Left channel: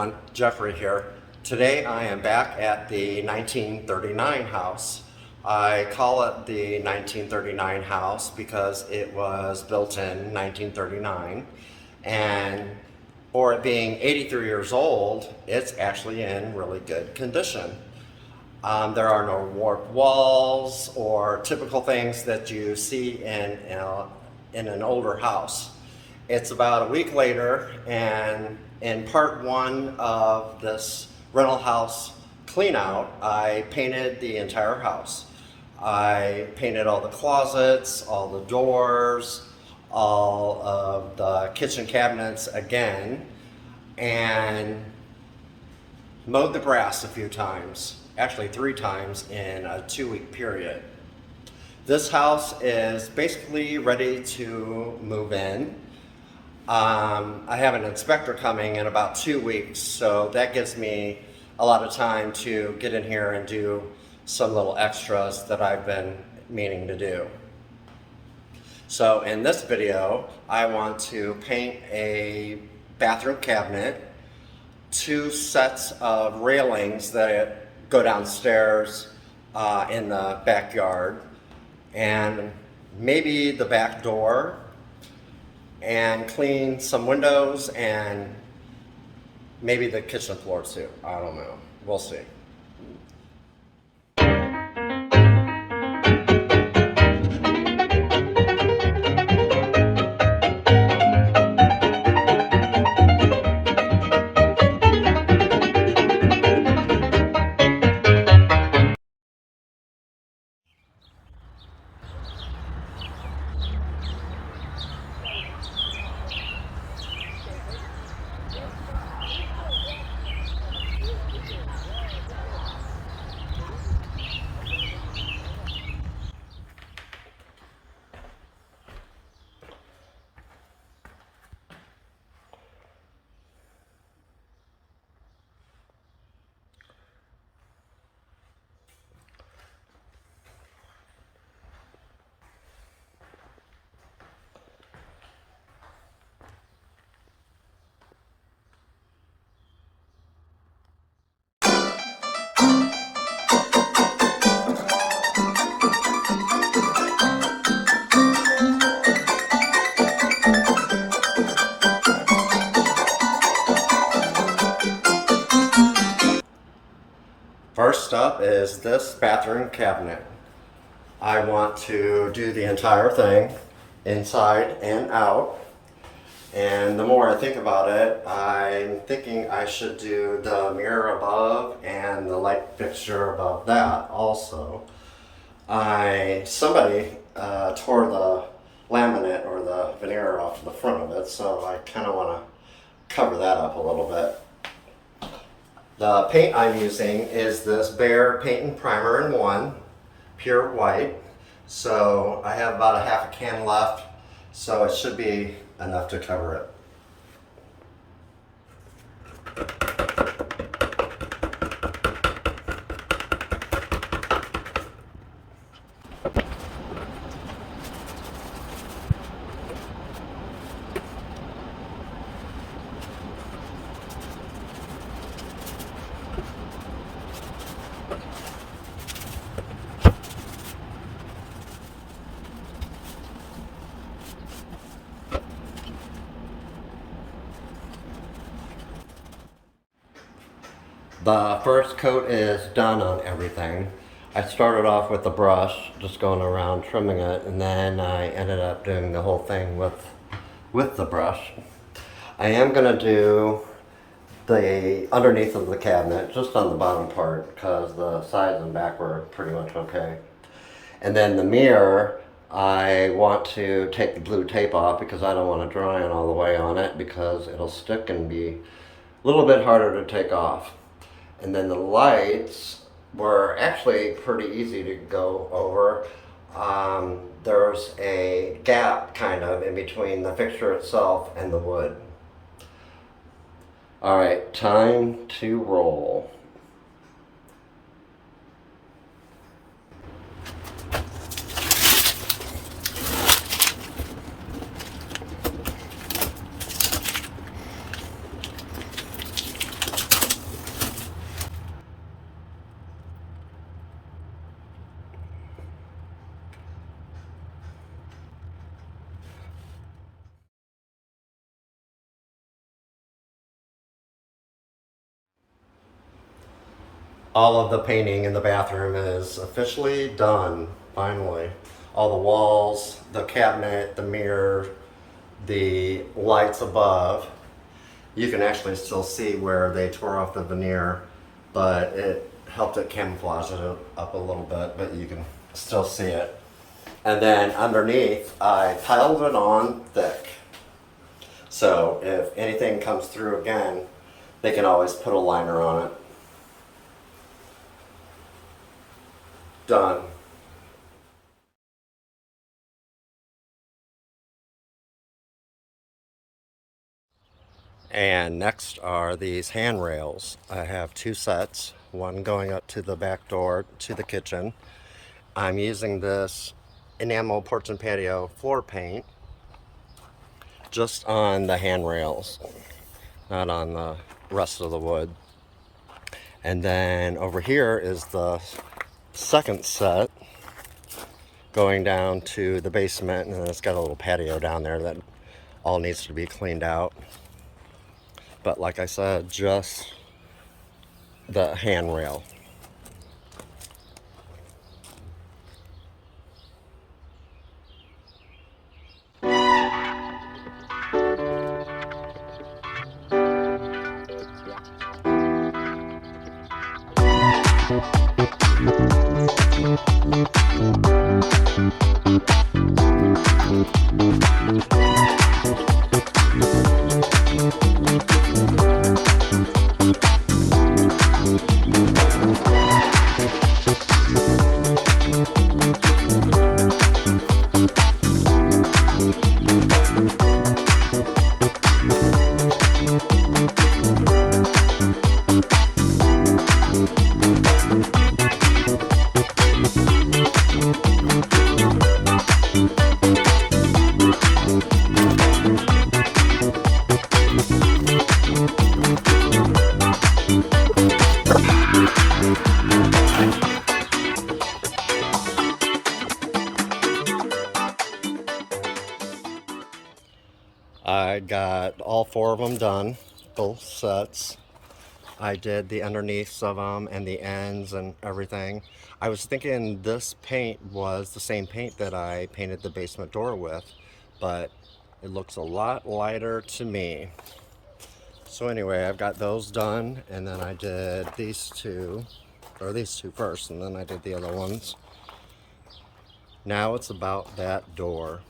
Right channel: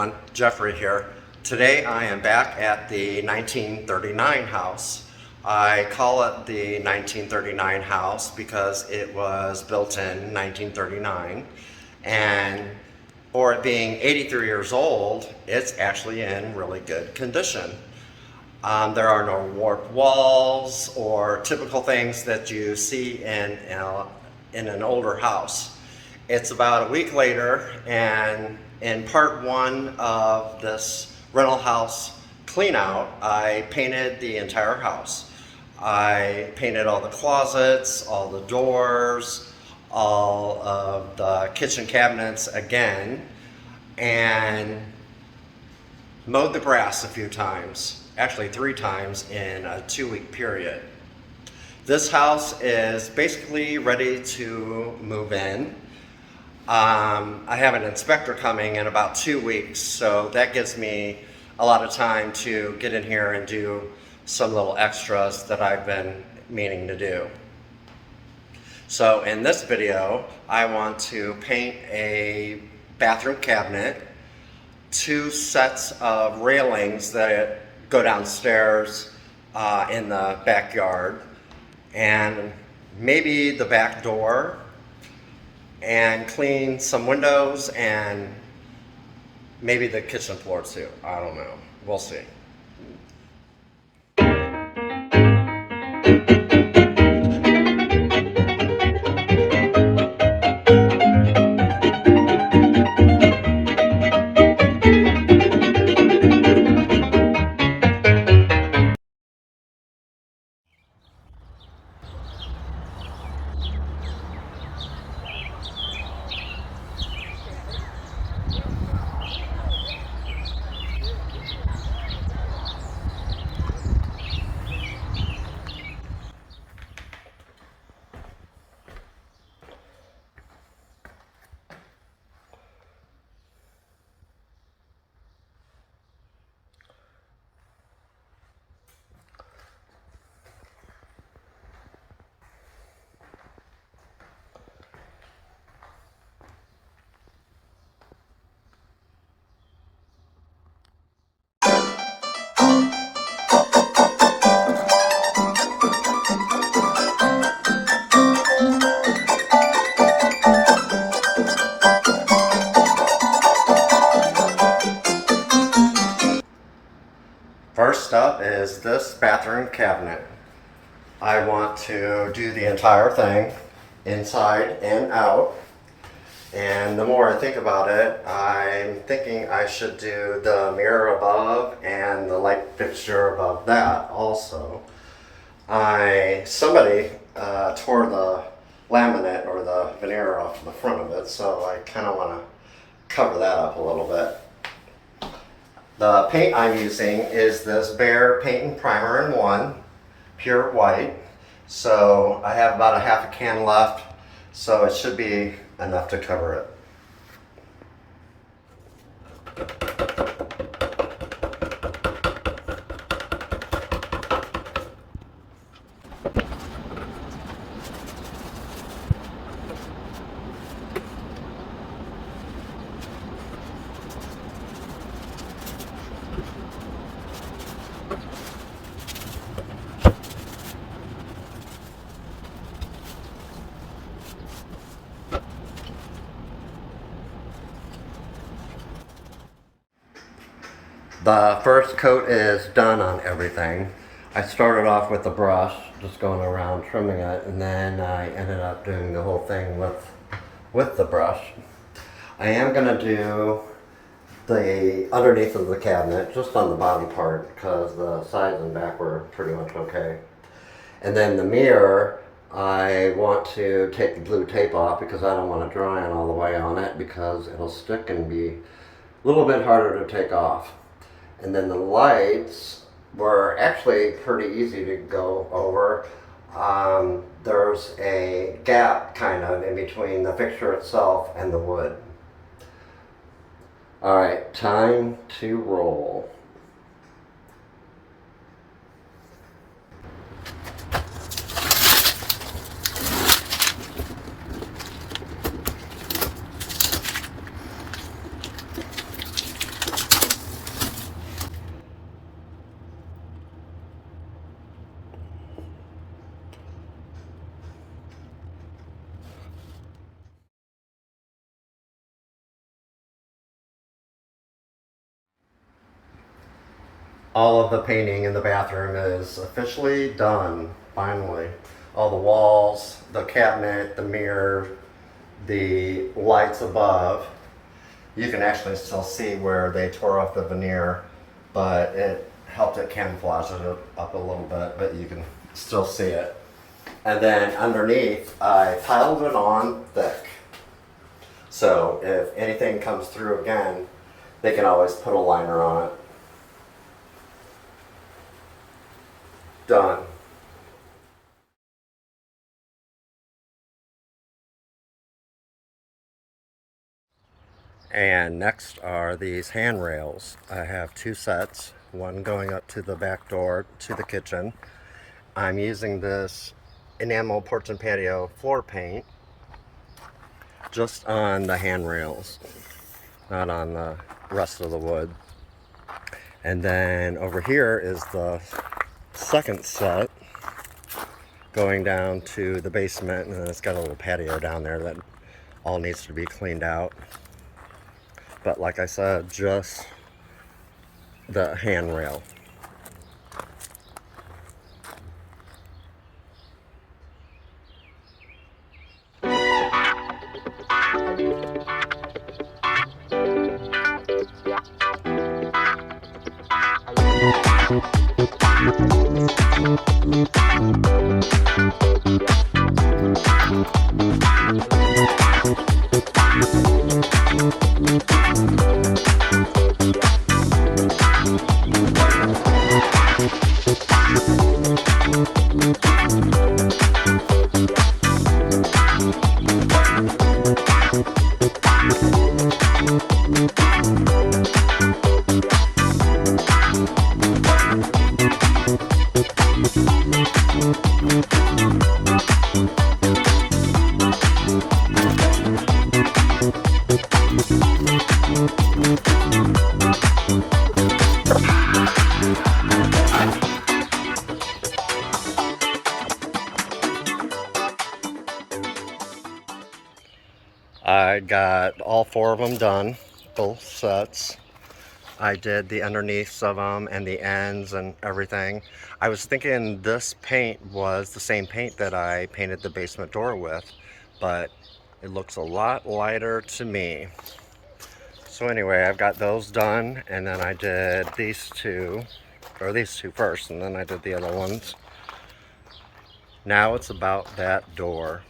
everyone, Jeffrey here. Today I am back at the 1939 house. I call it the 1939 house because it was built in 1939, and for it being 83 years old, it's actually in really good condition. There are no warped walls or typical things that you see in an older house. It's about a week later, and in part one of this rental house clean out, I painted the entire house. I painted all the closets, all the doors, all of the kitchen cabinets again, and mowed the grass a few times, actually 3 times in a 2-week period. This house is basically ready to move in. I have an inspector coming in about 2 weeks, so that gives me a lot of time to get in here and do some little extras that I've been meaning to do. So in this video, I want to paint a bathroom cabinet, 2 sets of railings that go downstairs in the backyard, and maybe the back door, and clean some windows and maybe the kitchen floor too. I don't know. We'll see. First up is this bathroom cabinet. I want to do the entire thing, inside and out. And the more I think about it, I'm thinking I should do the mirror above and the light fixture above that also. Somebody tore the laminate or the veneer off the front of it, so I kind of want to cover that up a little bit. The paint I'm using is this Behr Paint and Primer in 1, pure white. So I have about a half a can left, so it should be enough to cover it. The first coat is done on everything. I started off with the brush, just going around trimming it, and then I ended up doing the whole thing with the brush. I am going to do the underneath of the cabinet, just on the bottom part, because the sides and back were pretty much okay. And then the mirror, I want to take the blue tape off because I don't want to dry on all the way on it because it'll stick and be a little bit harder to take off. And then the lights were actually pretty easy to go over. There's a gap kind of in between the fixture itself and the wood. All right, time to roll. All of the painting in the bathroom is officially done, finally. All the walls, the cabinet, the mirror, the lights above. You can actually still see where they tore off the veneer, but it helped it camouflage it up a little bit, but you can still see it. And then underneath, I piled it on thick. So if anything comes through again, they can always put a liner on it. Done. And next are these handrails. I have two sets, one going up to the back door to the kitchen. I'm using this enamel porch and patio floor paint just on the handrails, not on the rest of the wood. And then over here is the second set going down to the basement, and it's got a little patio down there that all needs to be cleaned out. But like I said, just the handrail. I got all four of them done, both sets. I did the underneaths of them and the ends and everything. I was thinking this paint was the same paint that I painted the basement door with, but it looks a lot lighter to me. So anyway, I've got those done, and then I did these two first, and then I did the other ones. Now it's about that door.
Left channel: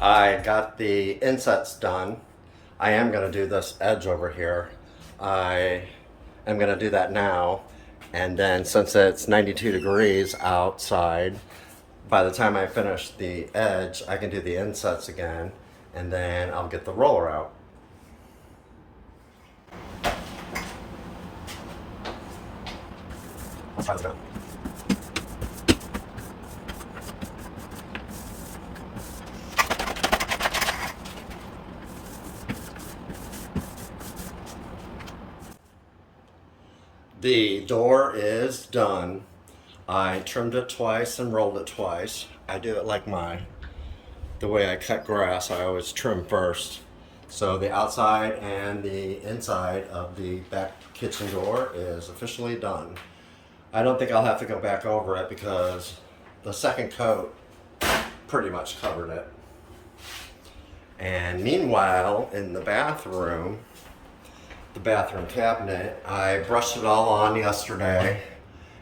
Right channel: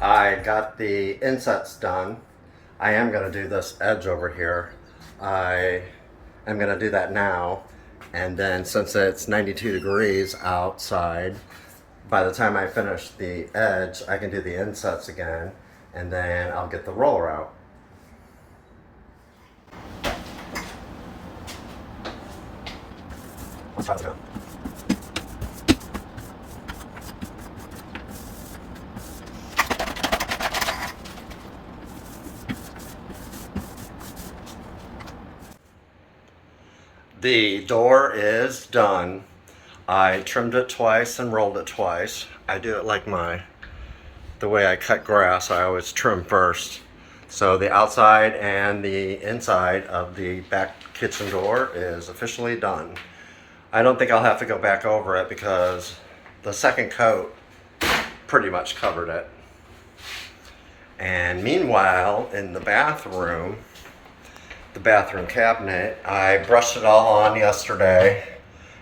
I got the insets done. I am going to do this edge over here. I am going to do that now. And then since it's 92 degrees outside, by the time I finish the edge, I can do the insets again. And then I'll get the roller out. Let's try this again. The door is done. I trimmed it twice and rolled it twice. I do it like the way I cut grass. I always trim first. So the outside and the inside of the back kitchen door is officially done. I don't think I'll have to go back over it because the second coat pretty much covered it. And meanwhile, in the bathroom cabinet, I brushed it all on yesterday,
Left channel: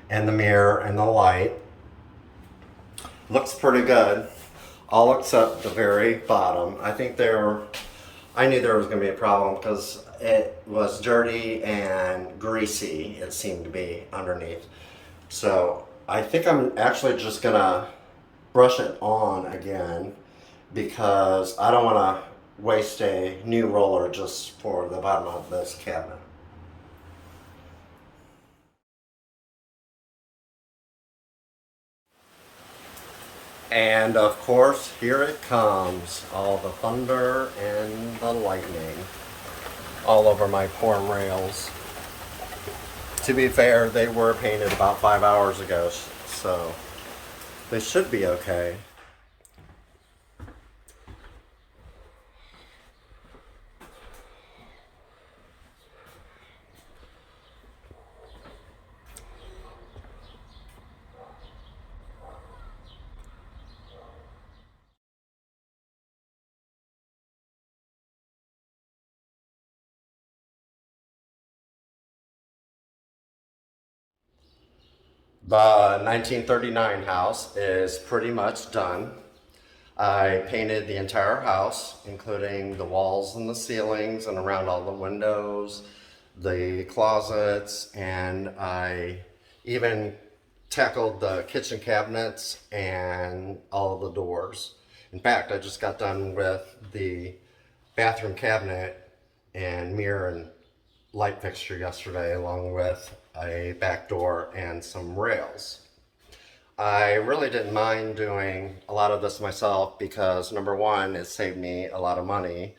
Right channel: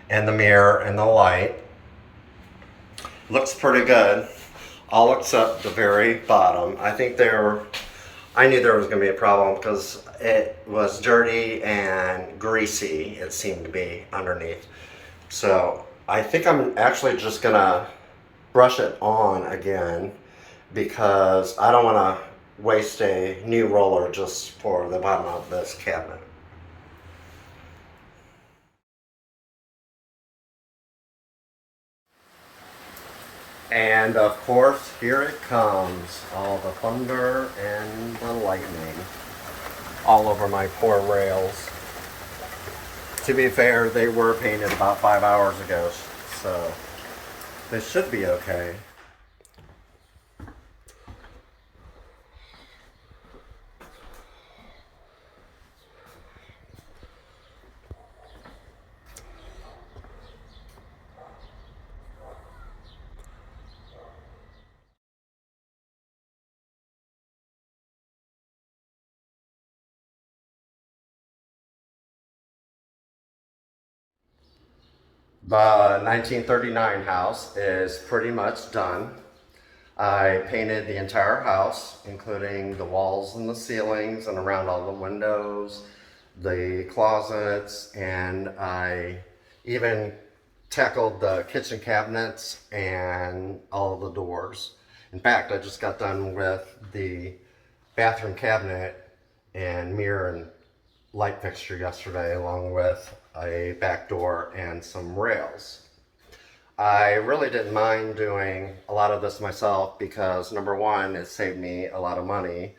and the mirror and the light. Looks pretty good, all except the very bottom. I knew there was going to be a problem because it was dirty and greasy, it seemed to be underneath. So I think I'm actually just going to brush it on again because I don't want to waste a new roller just for the bottom of this cabinet. And of course, here it comes, all the thunder and the lightning all over my poor rails. To be fair, they were painted about 5 hours ago, so they should be okay. The 1939 house is pretty much done. I painted the entire house, including the walls and the ceilings and around all the windows, the closets, and I even tackled the kitchen cabinets and all of the doors. In fact, I just got done with the bathroom cabinet and mirror and light fixture yesterday, along with a back door and some rails. I really didn't mind doing a lot of this myself because number one, it saved me a lot of money.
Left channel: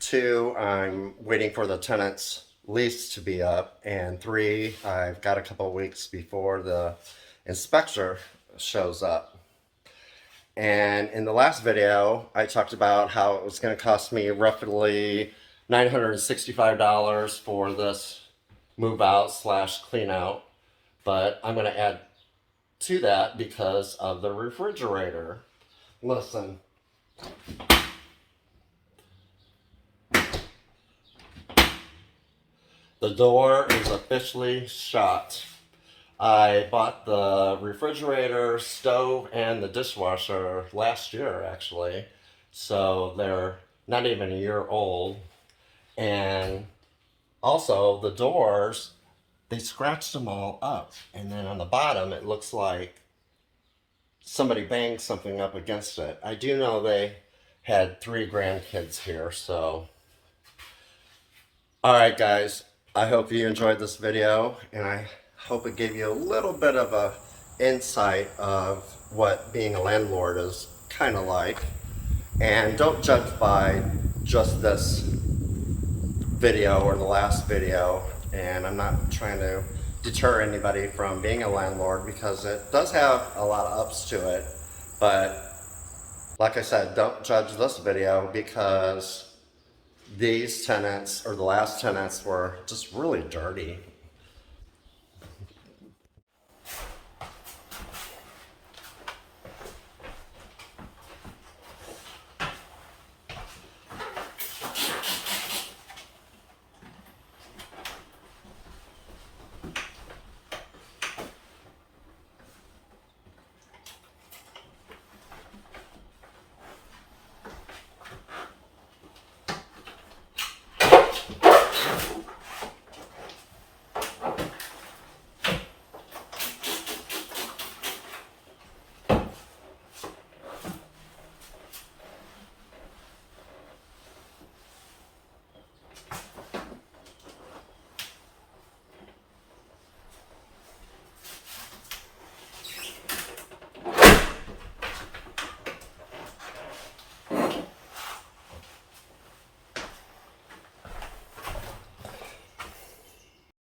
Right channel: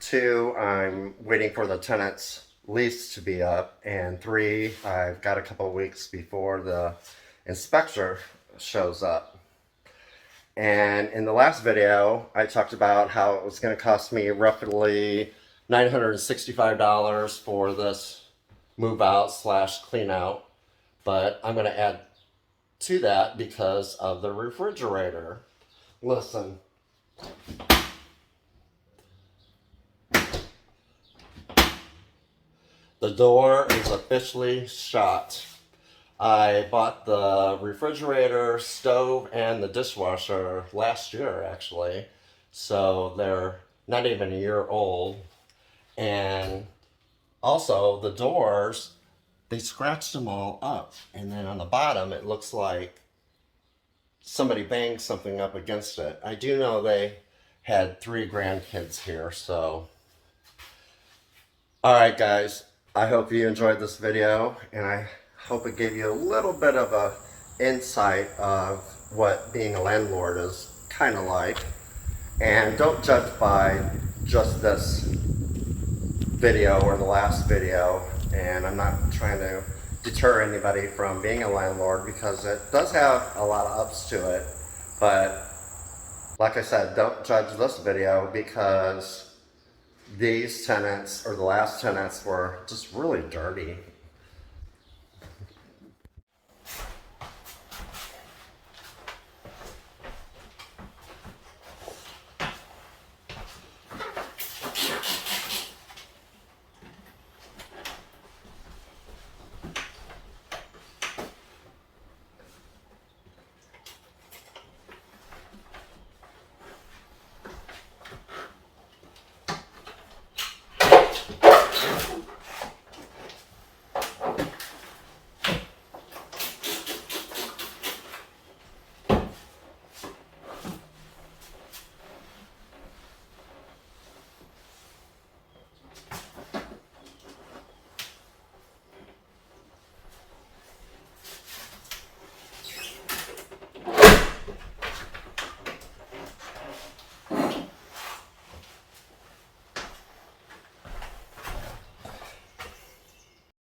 Two, I'm waiting for the tenant's lease to be up. And three, I've got a couple of weeks before the inspector shows up. And in the last video, I talked about how it was going to cost me roughly $965 for this move out / clean out. But I'm going to add to that because of the refrigerator. Listen. The door is officially shot. I bought the refrigerator, stove, and the dishwasher last year, actually. So they're not even a year old. And also, the doors, they scratched them all up. And then on the bottom, it looks like somebody banged something up against it. I do know they had 3 grandkids here, so. All right, guys. I hope you enjoyed this video, and I hope it gave you a little bit of a insight of what being a landlord is kind of like. And don't judge by just this video or the last video. And I'm not trying to deter anybody from being a landlord because it does have a lot of ups to it. But like I said, don't judge this video because these tenants, or the last tenants, were just really dirty.